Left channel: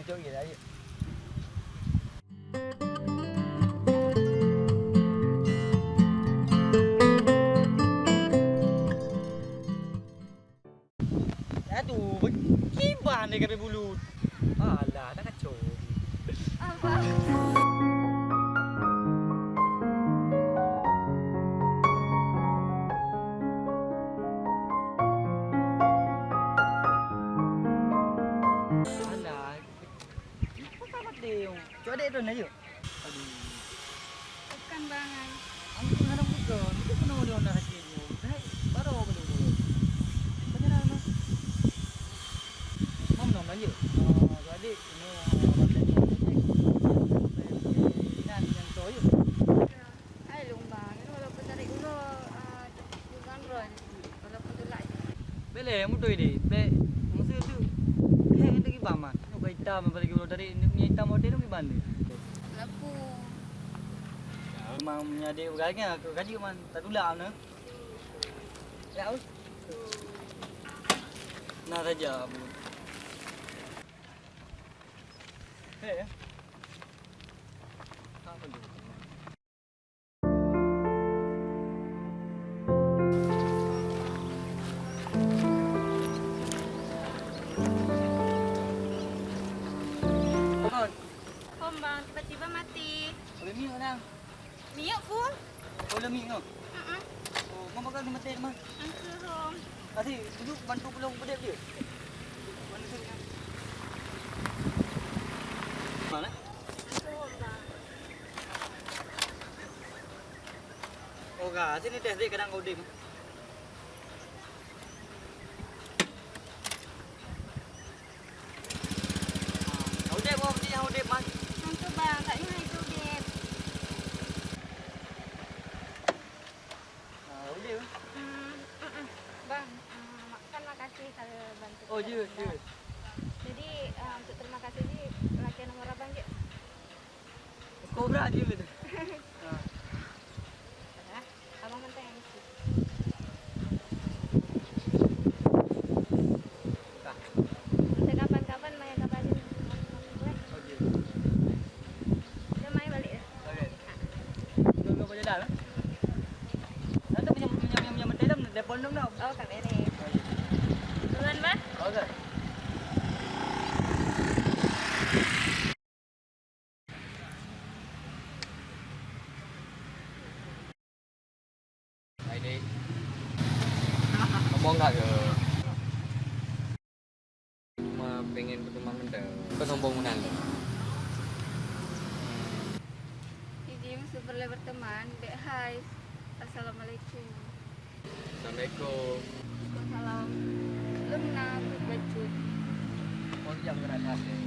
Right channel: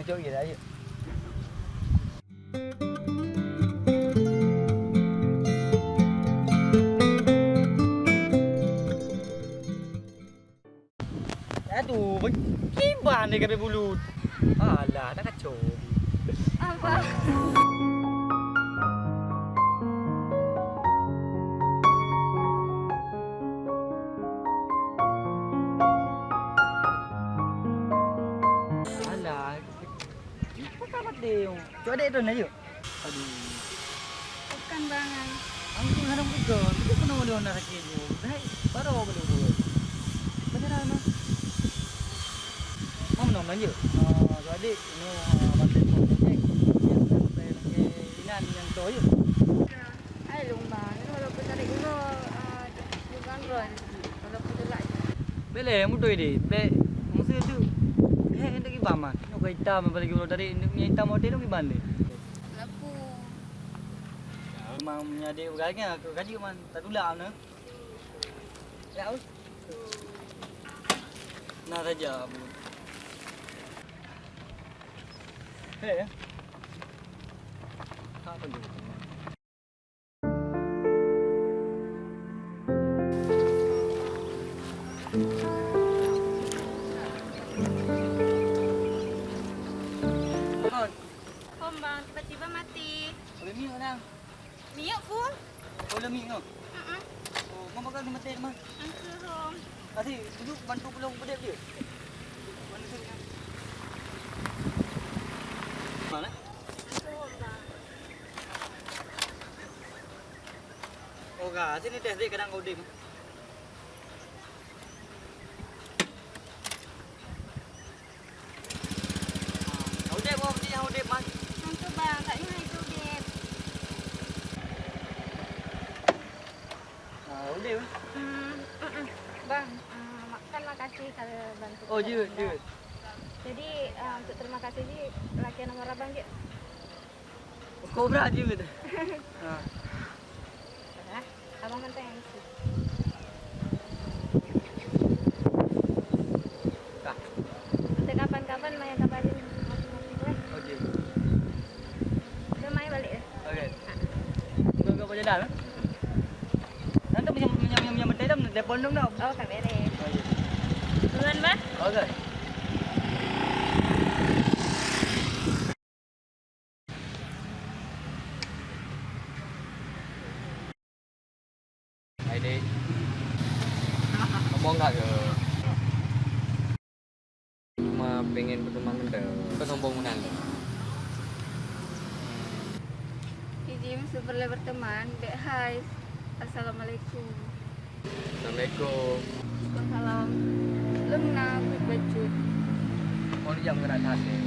Ngecok gitu aja. Aduh, gimana nih kabel bulut? Alah, tak kacau. Apa? Alah, apa tamat deh? Coba deh itu aja. Aduh, Bukan bangai. anggur harang bukan. Itu pernah mau diundang sakit tu. Dah, baru boleh buat. Beneran mah. Mau menang je. So adik, ini bantai pon projek. Sampai inan yang tu je. Ay, lumbang. Ini walaupun tarik dulu, bukan ron. Walaupun telak. Bele, mudah ini. Maksud tu, ini lagi baman. Nak hitam, apalagi kalau dari ini hitam hotel lagi bandai. Lapu. Memang punya adik berganya, gaji man tak tulang ne. Ya, us. Nah saja. Hei. Apa tu? Kon, Om bang, tiba-tiba mati. boleh mi mana? Minyak full. Boleh mi no. Oh, mama kan mati mah. Angker om. Tadi duduk bantu pulang pedek dia. Mana tu? Mana? Angker om bang. Oh, gak. Sini tes dia kadang kau dim. Udah, bawa pergi yang udah mas. Angker bang, taknya itu deh. Udah. Bang, kan makasih kalau bantu. Oh, je. Jadi untuk terima kasih ji, laki nomor abang je. Kobra je gitu. Dah, abang mentang yang isi. Tak. Nanti kapan-kapan Maya kabarin masing-masing boleh. Okey. Udah Maya balik dah. Okey. Kau baca dah. Nanti macam betul dah telefon dong dah. Oh, kak beres. Okey. Duluan, Bang. Okey. Hai dek. Ngomong tak ke? Cuma pengen berteman benda. Kau sombong benar lo. Iji super boleh berteman. Dek, hai. Assalamualaikum. Assalamualaikum. Waalaikumsalam. Lum na aku bacut. Kau jam kena hati.